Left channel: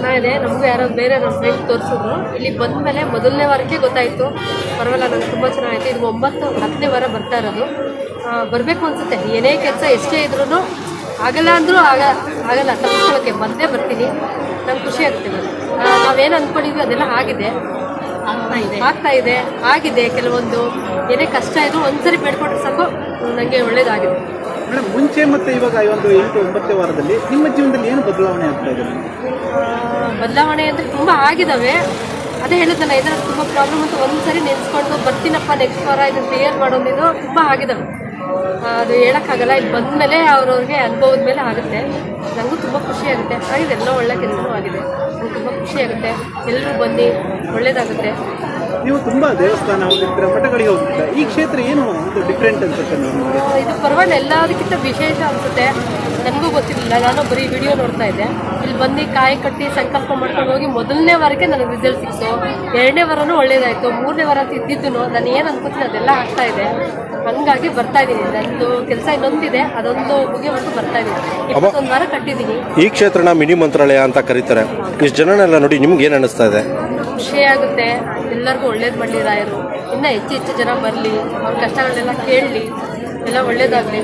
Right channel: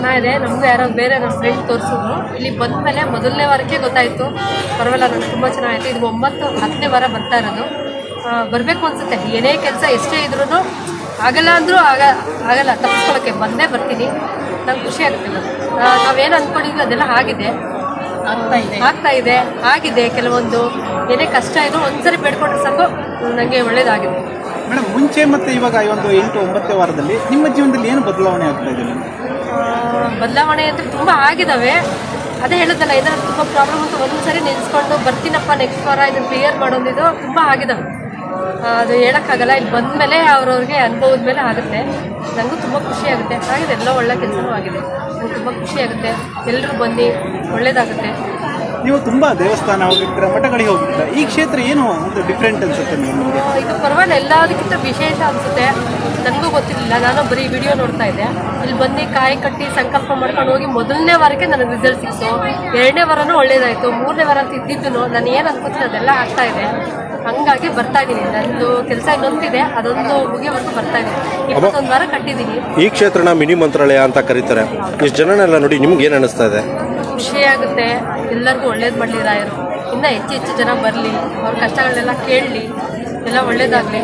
ಚೆನ್ನಾಗಿದೆ. ನಮಗೂ ಯಾರೋ ಬೇರೆ ನಮ್ಮ ಫ್ರೆಂಡ್ ತೋರಿಸಿದ್ರು. ಇಲ್ಲಿ ಬಂದ ಮೇಲೆ ಮೊದಲನೇ ವಾರಕ್ಕೆ ಗೊತ್ತಾಯಿತು. ಪರವಾಗಿಲ್ಲ ನನಗೆ ತುಂಬ ಚೆನ್ನಾಗಿತ್ತು ಇದು ಒಂಬತ್ತು ಹತ್ತನೇ ವಾರ ಬರ್ತಾ ಇರೋದು. ಬರಬೇಕು ಅನಿಸುತ್ತೆ. ಏನೇ ಕೆಲಸ ಎಷ್ಟೇ ಇದ್ರೂ ಆಗಲ್ಲ ಅಂದರೂ ಆಗ ಆಗಲ್ಲ. ತಪ್ಪಿಸ್ಕೊಳ್ಳೋಕ್ಕೆ ಬಂದೇ ಬರ್ತೀನಿ. ನಂಗೆ ಖುಷಿ ಆಗುತ್ತೆ ನಾವೇನು ಅಂದ್ಕೊಂಡಿದ್ವಿ ಅದೆಲ್ಲ ಆಗಿದೆ. ಆಗ್ತಾ ಇದೆ. ಆಗಿದೆ ಕೆಲವೊಂದು. ಏನೇ ಕಷ್ಟ ಇದ್ರು ಒಂದ್ಸರಿ ಬೇಡ್ಕೊಂಡ್ರೆ ಸಾಕು. ನನಗೆ ಒಳ್ಳೇದಾಗಿದೆ. ಮೇಡಮ್ ಮುಂಚೆ ಮತ್ತೆ ಇವಾಗ ಈ ಒಂದು ಎಂಟು ಒಂಬತ್ತನೇ ವಾರದಲ್ಲಿ ನಿಮ್ಮ ಜೀವನದಲ್ಲಿ ಏನು ಬದಲಾವಣೆ ಆಗ್ತಾ ಇದೆ ಬದಲಾವಣೆ ಅಂದರೆ ತುಂಬ ಆಗಿದಾವೆ. ಅದೇ ಹೇಳೋದಲ್ಲ ಇದರ ತುಂಬ ಪ್ರಾಬ್ಲಮ್ ಅಂತ ಒಂದ್ಸರಿ ನಿಲ್ಸ್ಕೊಂಡು ಬರ್ತೀನಪ್ಪ ನೆಕ್ಸ್ಟ್ ವಾರ ಇದನ್ನು ಕ್ಲಿಯರ್ ಮಾಡೋದಿದು ತುಂಬ ಆಗಿದ್ದಾವೆ ಆ, ಅದು ಹೇಳೋಕ್ಕಾಗಲ್ಲ ಇಲ್ಲಿ ಬಂದಮೇಲೆ ಅವ್ರವ್ರಿಗೆ ಅನುಭವದ ಮೇಲೆ ಆಗುತ್ತೆ. ನನಗೂ ತುಂಬ ಖುಷಿ ಆಗುತ್ತೆ. ಆಗಿದೆ ಎಲ್ಲ ಒಳ್ಳೆ ಕೆಲಸನೂ ಆಗಿದೆ. ನಂಗೆ ತುಂಬ ಖುಷಿ ಆಗುತ್ತೆ. ಎಲ್ಲರೂ ಬನ್ನಿ ಒಳ್ಳೇದಾಗುತ್ತೆ. ನೀವು ತುಂಬಾ ದೇವಸ್ಥಾನ ಮಠಗಳಿಗೆ ಈ ಕ್ಷೇತ್ರ ಏನು ಒಂದು ಡಿಫ್ರೆಂಟ್ ಅನ್ಸುತ್ತೆ ನಿಮಗೆ? ಇದು ಪರವಾಗಿಲ್ಲ ಎಲ್ಲದಕ್ಕಿಂತ ವಿಶೇಷ ಅನ್ಸುತ್ತೆ. ನನಗೂ ಗೊತ್ತಿರಲಿಲ್ಲ ನಾನು ಬರೀ ವಿಡಿಯೋ ನೋಡ್ತಾ ಇದ್ದೆ. ಇಲ್ಲಿ ಬಂದು ಕಾಯಿ ಕಟ್ಟಿ ಸಂಕಲ್ಪ ಮಾಡ್ಕೊಂಡು ಹೋಗಿ ಮೊದಲನೇ ವಾರಕ್ಕೆ ನನಗೆ ರಿಸಲ್ಟ್ ಸಿಕ್ತು. ಎರಡನೇ ವಾರನೂ ಒಳ್ಳೇದಾಯಿತು. ಮೂರನೇ ವಾರ ತಿದ್ದಿದ್ದು ನಾನು ಏನು ಅನ್ಕೋತೀನಿ ಅದೆಲ್ಲ ಆಗ್ತಾ ಇದೆ. ಹಂಗಾಗಿ ಬರ್ತಾ ಇದ್ದೀನಿ ನಂದು ಕೆಲಸ ಇನ್ನೊಂದಿದೆ ಅದೊಂದು ಮುಗಿಯವರೆಗೂ ಬರ್ತಾ ಇದ್ದೀನಿ ಇಪ್ಪತ್ತೊಂದು ವಾರ ಕಟ್ಟಿದ್ದೀನಿ ಈ ಕ್ಷೇತ್ರನ ಮಿನಿ ಮಂತ್ರಾಲಯ ಅಂತ ಕರೀತಾರೆ. ಇಷ್ಟು ಜನನೆಲ್ಲ ನೋಡಿ ನಿಮ್ಗೆ ಏನು ಅನಿಸ್ತಾ ಇದೆ? ಖುಷಿ ಆಗುತ್ತೆ. ಎಲ್ಲರಿಗೂ ಒಳ್ಳೇದು ಮಾಡಲಿ ರಾಯರು. ಇನ್ನೂ ಹೆಚ್ಚು ಹೆಚ್ಚು ಜನ ಬರಲಿ ಅವ್ರ ಕಷ್ಟಗಳನ್ನೆಲ್ಲ ಕೇಳಲಿ ಎಲ್ಲ ಒಳ್ಳೇದಾಗಲಿ.